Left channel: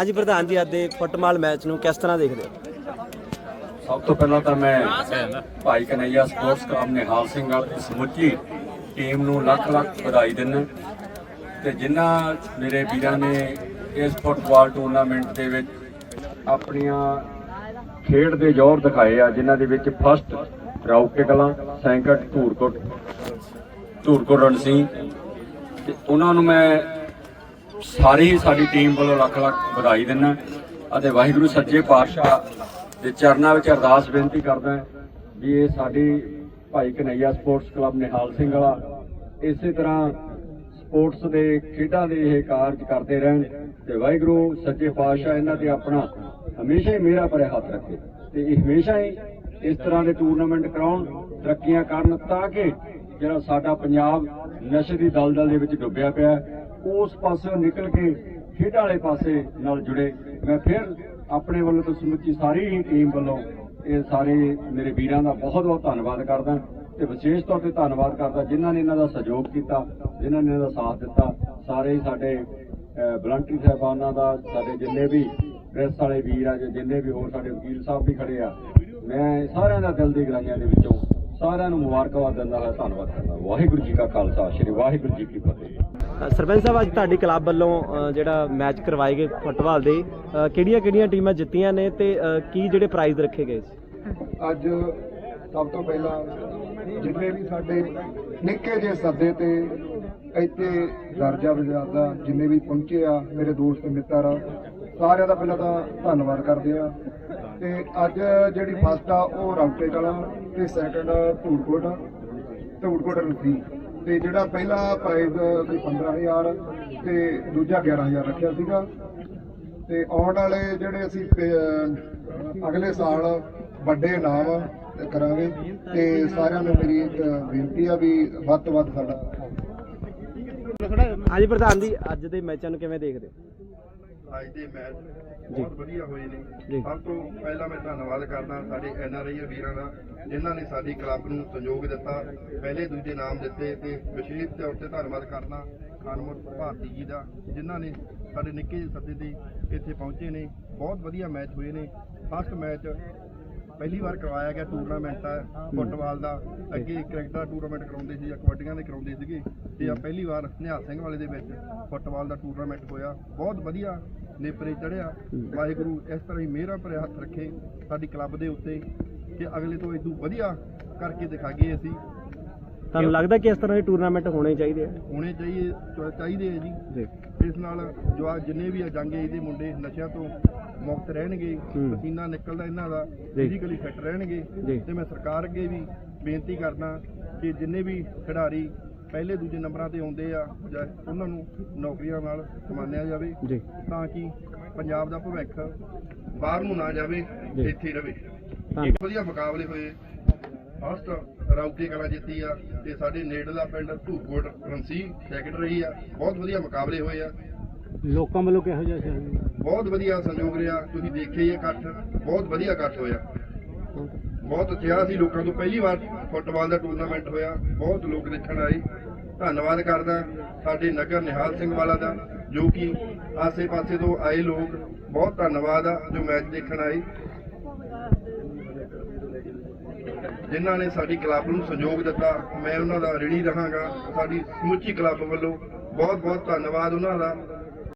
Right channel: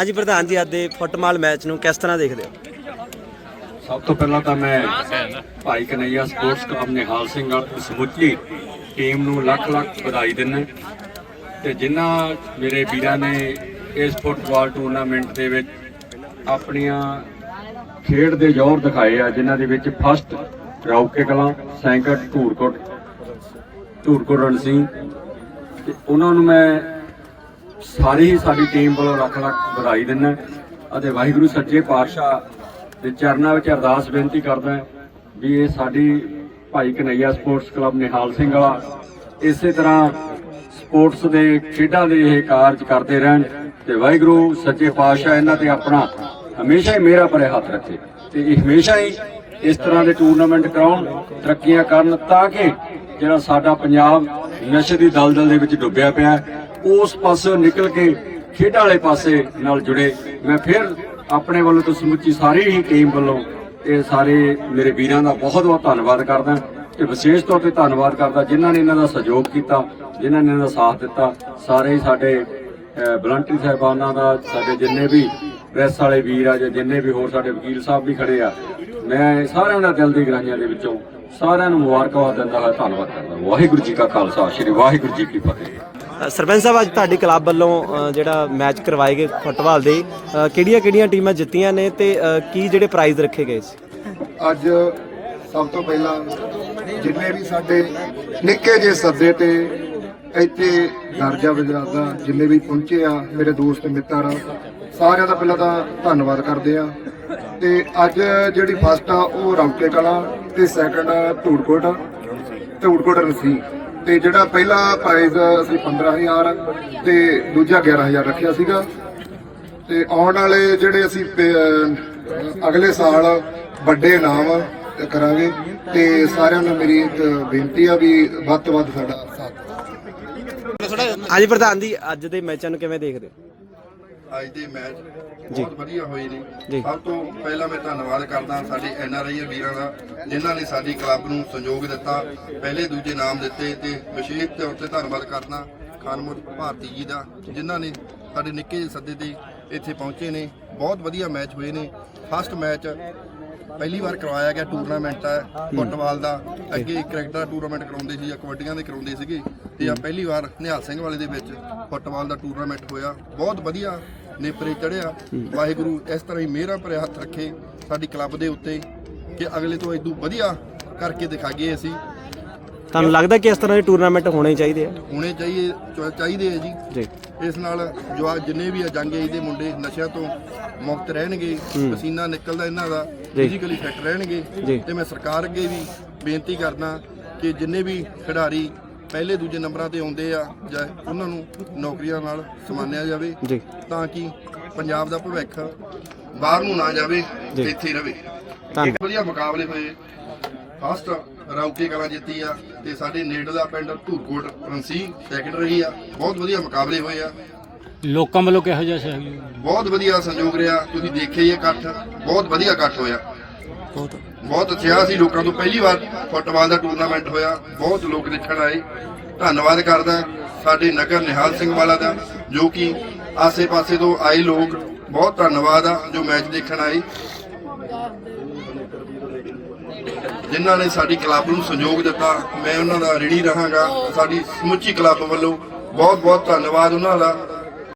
ਹਾਂਜੀ, ਪ੍ਰਧਾਨ ਜੀ, ਅੱਜ ਦੇ ਫੁੱਟਬਾਲ ਮੈਚ ਨੂੰ ਕਿਸ ਤਰ੍ਹਾਂ ਦੇਖਦੇ ਹੋ? ਸਭ ਤੋਂ ਪਹਿਲਾਂ ਤਾਂ ਮੈਂ ਭਾਈ ਕਨਈਆ ਸਪੋਰਟਸ ਕਲੱਬ ਨਿਹਾਲ ਸਿੰਘ ਵਾਲ ਸਮੁੱਚੀ ਟੀਮ ਨੂੰ ਲੱਖ ਲੱਖ ਵਧਾਈ ਦਿੰਦਾ ਤੇ ਜਿਨ੍ਹਾਂ ਮੇਰੇ ਵੀਰਾਂ ਨੇ ਇਸ ਫੁੱਟਬਾਲ ਟੂਰਨਾਮੈਂਟ ਦੇ ਵਿੱਚ ਆਪਣੀਆਂ ਖੇਡ ਦੇ ਜ਼ੋਰ ਦਿਖਾਏ ਆ, ਜਿਨ੍ਹਾਂ ਦੇ ਵਿੱਚ ਫਸਟ ਰੌਕੇ ਕਲਾਂ ਸੈਂਕੜ ਧੂਰਕੋਟ ਧੂਰਕੋਟ ਰਣਸੀ ਤੇ ਉਹਨਾਂ ਨੂੰ ਮੈਂ ਸਾਰੀ ਹੀ ਸਾਡੀ ਟੀਮ ਵੱਲੋਂ ਲੱਖ ਲੱਖ ਵਧਾਈ ਦਿੰਦਾ ਅਤੇ ਵਾਹਿਗੁਰੂ ਸੱਚੇ ਪਾਤਸ਼ਾਹ ਦੇ ਚਰਨਾਂ ਵਿੱਚ ਅਰਦਾਸ ਬੇਨਤੀ ਕਰਦਾ ਵੀ ਇਹ ਸਾਡੀ ਭਾਈ ਕਨਈਆ ਸਪੋਰਟਸ ਕਲੱਬ ਨਿਹਾਲ ਸਿੰਘ ਵਾਲਾ ਇਸੇ ਤਰ੍ਹਾਂ ਸਪੋਰਟਸ ਦੇ ਖੇਡਾਂ ਦੇ ਇਹ ਕਾਰਜ ਕਰਦੇ ਰਹਿਣ ਤੇ ਵਾਹਿਗੁਰੂ ਸੱਚੇ ਪਾਤਸ਼ਾਹ ਇਹਨਾਂ ਤੇ ਆਪਣਾ ਹਮੇਸ਼ਾ ਹੀ ਮੇਰਾ ਪਰੇ ਹੱਥ ਰੱਖੇ ਤੇ ਇਹ ਹਮੇਸ਼ਾ ਹੀ ਇਸ ਤਰ੍ਹਾਂ ਦੇ ਟੂਰਨਾਮੈਂਟ ਕਰਾਉਣ, ਤਰੱਕੀਆਂ ਕਰਨ ਤਾਂ ਕਿ ਜਿਹੜਾ ਸਾਡਾ ਪੰਜਾਬ ਨਸ਼ੇ ਦੀ ਦਲਦਲ ਦੇ ਵਿੱਚ ਡੁੱਬਿਆ ਪਿਆ ਉਸ ਪਾਸੇ ਨਿਕਲ ਕੇ ਖੇਡਾਂ ਵਾਲੇ ਪਾਸੇ ਨਾਲ ਜੁੜੇ। ਮੈਂ ਫਿਰ ਆਪਣੇ ਵੱਲੋਂ ਤੋਂ ਸਮੁੱਚੀ ਸਾਰੀ ਹੀ ਟੀਮ ਵੱਲੋਂ ਇਹ ਸਾਰੇ ਮੇਰੇ ਵੀਰਾਂ ਦਾ ਬਹੁਤ ਬਹੁਤ ਧੰਨਵਾਦ ਕਰਦਾ ਤੇ ਵਿਸ਼ੇਸ਼ ਤੌਰ ਤੇ ਧੰਨਵਾਦ ਕਰਦਾ ਜਿਨ੍ਹਾਂ ਨੇ ਇਹਨਾਂ ਦਾ ਸਹਿਯੋਗ ਕੀਤਾ, ਜਿਨ੍ਹਾਂ ਨੇ ਇਹਨਾਂ ਦਾ ਸਾਥ ਦਿੱਤਾ। ਸਾਰੇ ਸਾਡੇ ਵਲੰਟਰੀ ਸਾਹਿਬਾਨਾਂ ਦਾ, ਸਾਡੇ ਜਿੰਨੇ ਵੀ ਪ੍ਰੈਸ ਵਾਲੇ ਵੀਰ ਆ ਜਾਂ ਜਿੰਨੇ ਵੀ ਹੋਰ ਸਾਡੇ ਵਕੀਲ ਸਾਹਿਬ ਵੀ ਖੜੇ ਆ, ਮੈਂ ਸਾਰਿਆਂ ਦਾ ਦਿਲ ਦੀ ਗਰਾਈਆਂ ਦੇ ਵਿੱਚੋਂ ਸਾਰਿਆਂ ਨੂੰ ਮੁਬਾਰਕਬਾਦ ਦਿੰਦਾ ਹੋਇਆ ਧੰਨਵਾਦ ਕਰਦਾ। ਵਾਹਿਗੁਰੂ ਜੀ ਕਾ ਖਾਲਸਾ, ਸ੍ਰੀ ਵਾਹਿਗੁਰੂ ਜੀ ਕੀ ਫਤਿਹ। ਸਰਪੰਚ ਸਾਹਿਬ, ਅੱਜ ਤੁਹਾਡੀ ਕਲੱਬ ਵੱਲੋਂ ਜਿਹੜਾ ਮੈਚ ਕਰਵਾਏ ਗਏ ਫੁੱਟਬਾਲ ਦੇ ਕਿਹੜੀਆਂ ਕਿਹੜੀਆਂ ਟੀਮਾਂ ਜਿੱਤੀਆਂ ਨੇ ਤੇ ਕੀ ਜਿਹੜੇ ਪ੍ਰਾਈਜ਼ ਰੱਖੇ ਗਏ ਸੀ? ਅੱਜ ਸਭ ਤੋਂ ਪਹਿਲਾਂ ਜਿੰਨੇ ਵੀ ਸਾਡੇ ਨਿੱਕੇ ਜਿਹੇ ਸੱਦੇ ਤੇ ਇੱਥੇ ਦਰਜਾ ਵਜਾਦਾ ਜਿੰਨੇ ਵੀ ਪਹੁੰਚੇ ਆ, ਮੇਰੇ ਦੋਸਤ ਮਿੱਤਰ ਆ, ਸਾਰਿਆਂ ਦਾ ਪਹਿਲਾਂ ਤਾਂ ਧੰਨਵਾਦ ਕਰਦੇ ਆ। ਤੇ ਅੱਜ ਜਿਹੜੀ ਫਸਟ ਆ, ਉਹ ਰੌਕੇ ਕਲਾ ਤੇ ਸੈਕੰਡ ਧੂੜਕੋਟ ਧੂੜਕੋਟ ਰਸੀ ਤੇ ਜਿਹੜਾ ਪਹਿਲਾ ਪ੍ਰਾਈਜ਼ ਅਸੀਂ 15000 ਤੇ ਦੂਜਾ 11000 ਰੱਖਿਆ ਸੀਗਾ। ਤੇ ਆਉਣ ਵਾਲੇ ਜਿਹੜੇ ਅਸੀਂ ਅਗਲੇ ਸਾਲ ਵੱਡੇ ਇਨਾਮ ਕਰਾਂਗੇ। ਤੇ ਸਾਰਿਆਂ ਨੂੰ ਮੇਰੀ ਇੱਕ ਬੇਨਤੀ ਆ ਵੀ ਵੱਧ ਤੋਂ ਵੱਧ ਸਾਡਾ ਸਾਥ ਦਿਓ। ਪ੍ਰਧਾਨ ਜੀ, ਅੱਜ ਦੇ ਮੈਚਾਂ ਨੂੰ ਕਿਵੇਂ ਦੇਖਦੇ ਹੋ? ਅੱਜ ਦੇ ਮੈਚ। ਬਹੁਤ ਵਧੀਆ ਹੋਏ ਨੇ। ਸਭ ਤੋਂ ਪਹਿਲਾਂ ਮੈਂ ਧੰਨਵਾਦ ਕਰਦਾ ਸਾਡੇ ਐਨ ਆਰ ਆਈ ਵੀਰਾਂ ਦਾ ਜਿਨ੍ਹਾਂ ਨੇ ਸਾਡੀ ਕਲੱਬ ਨੂੰ ਸਹਿਯੋਗ ਦਿੱਤਾ ਪਹਿਲੇ ਦੂਜੇ ਨਾਮ ਦਿੱਤੇ ਤੇ ਵਿਸ਼ੇਸ਼ ਤੌਰ ਤੇ ਧੰਨਵਾਦ ਕਰਦਾ ਖਾਨਮੋਟ ਭਾਰਤੀ ਜੀ ਦਾ ਜਿਨ੍ਹਾਂ ਨੇ ਸਾਡੇ ਨਿੱਕੇ ਜਿਹੇ ਸੱਦੇ ਤੇ ਇੱਥੇ ਪਹੁੰਚੇ ਨੇ। ਬਹੁਤ ਵਧੀਆ ਮੈਚ ਹੋਏ ਨੇ। ਫਸਟ ਮੈਚ ਪਹਿਲੀ ਵਾਰ ਕਰਵਾਇਆ ਗਿਆ ਟੂਰਨਾਮੈਂਟ ਹੈ। ਫੁੱਟਬਾਲ ਦਾ। ਅੱਗੇ ਕ੍ਰਿਕਟ ਦਾ ਟੂਰਨਾਮੈਂਟ ਕਰਾਉਂਦੇ ਸੀ ਜਾਂ ਕਬੱਡੀਆਂ ਦੇ ਕਰਾਉਂਦੇ ਸੀਗੇ। ਤੇ ਆ ਪਹਿਲੀ ਵਾਰ ਨਿਹਾਲ ਸਿੰਘ ਵਾਲੇ ਦੇ ਵਿੱਚ ਫੁੱਟਬਾਲ ਦਾ ਟੂਰਨਾਮੈਂਟ ਹੋਇਆ। ਬਹੁਤ ਵਧੀਆ ਨੇਪਰੇ ਚੜਿਆ। ਵਾਹਿਗੁਰੂ ਇਸ ਤਰ੍ਹਾਂ ਹੀ ਮਿਹਰਾਂ ਭਰੇ ਹੱਥ ਰੱਖੇ ਸਾਡੀ ਕਲੱਬ ਦੇ ਉੱਤੇ ਕਿ ਅਗਲੇ ਤੋਂ ਇਦੋਂ ਵਧੀਆ ਕਰਕੇ ਦਿਖਾਈਏ ਅਸੀਂ। ਤੁਹਾਨੂੰ ਲੱਗਦਾ ਕਿ ਇਸ ਤਰ੍ਹਾਂ ਦੇ ਟੂਰਨਾਮੈਂਟ ਹੋਣੇ ਚਾਹੀਦੇ ਆ? ਹੋਣੇ ਚਾਹੀਏ ਚ- ਚਾਹੀਦੇ ਆ ਜੀ। ਜੀ। ਇਸ ਨਾਲ ਜੋ ਆ ਜਿੰਨੇ ਵੀ ਆ ਜੰਗ ਏਜ ਦੇ ਮੁੰਡੇ ਨਸ਼ਿਆਂ ਤੋਂ ਮੁਕਤ ਰਹਿਣਗੇ। ਪਸੀਨਾ ਨਿਕਲਦਾ ਇਹਨਾਂ ਦਾ ਜੀ। ਫਿਜ਼ੀਕਲੀ ਫਿੱਟ ਰਹਿਣਗੇ। ਜੀ। ਤੇ ਮੈਂ ਸਰਕਾਰ ਅੱਗੇ ਵੀ ਬੇਨਤੀ ਕਰਦਾ ਕਿ ਜਿੰਨੇ ਵੀ ਖਿਡਾਰੀ ਪਹਿਲੇ ਦੂਜੇ ਨੰਬਰਾਂ ਤੇ ਆਉਂਦੇ ਆ ਜਾਂ ਉਹਨਾਂ ਨੂੰ ਨੌਕਰੀਆਂ ਨਾਲ ਸਮਾਨਿਆ ਜਾਵੇ ਜੀ। ਤਾਂ ਕਿ ਪੰਜਾਬ ਦਾ ਭਵਿੱਖ ਬਾਹਰ ਨੂੰ ਨਾ ਜਾਵੇ। ਇੱਥੇ ਰਵੇ। ਧੰਨ ਵਧੀਆ ਮੁਕਾਬਲੇ ਹੋਏ। ਫਸਟ ਰੌਕੇ ਕਲਾ ਜਿੱਤੀ ਆ ਤੇ ਸਾਡੇ ਨੇੜਲਾ ਪਿੰਡ ਧੂਰਕੋਟ ਰੰਸੀ ਸੈਕੰਡ ਰਹੀ ਆ। ਬਹੁਤ ਵਧੀਆ ਮੁਕਾਬਲੇ ਹੋਏ ਆ। ਲੋਕਾਂ ਵੱਲੋਂ ਕਿਹੋ ਜਿਹਾ ਸਹਿਯੋਗ? ਬਹੁਤ ਵਧੀਆ ਸੰਯੋਗ ਰਿਹਾ। ਤੁਸੀਂ ਦੇਖਿਆ ਹੀ ਇਹ ਇਕੱਠ। ਬਹੁਤ ਵਧੀਆ ਇਕੱਠ ਹੋਇਆ। ਬਹੁਤ ਬਹੁਤ ਉਤਸ਼ਾਹ ਸੀ ਲੋਕਾਂ ਤੋਂ। ਪਹਿਲੀ ਵਾਰ ਫੁੱਟਬਾਲ ਦਾ ਟੂਰਨਾਮੈਂਟ ਹੋਇਆ। ਬਹੁਤ ਲੋਕ ਦੇਖਣ ਆਏ। ਧੰਨਵਾਦ ਕਰਦਾ ਸਾਡੇ ਨਗਰ ਨਿਹਾਲ ਸਿੰਘ ਵਾਲਾ ਦਾ, ਜੋ ਕਿ ਆਸੇ-ਪਾਸੇ ਤੋਂ ਆਏ ਲੋਕ। ਬਹੁਤ ਧੰਨਵਾਦ ਆ, ਜੋ ਮੈਚ ਦੇਖਣ ਆਏ। ਜਿਨ੍ਹਾਂ ਨੇ ਸਾਡੀ ਕਲੱਬ ਨੂੰ ਸਹਿਯੋਗ ਦਿੱਤਾ, ਮੈਂ ਉਹਨਾਂ ਦਾ ਰਿਣੀ ਰਹਾਂਗਾ। ਸਾਡੀ ਸਮੁੱਚੀ ਕਲੱਬ ਵੱਲੋਂ ਬਹੁਤ ਬਹੁਤ ਧੰਨਵਾਦ ਉਹਨਾਂ ਦਾ।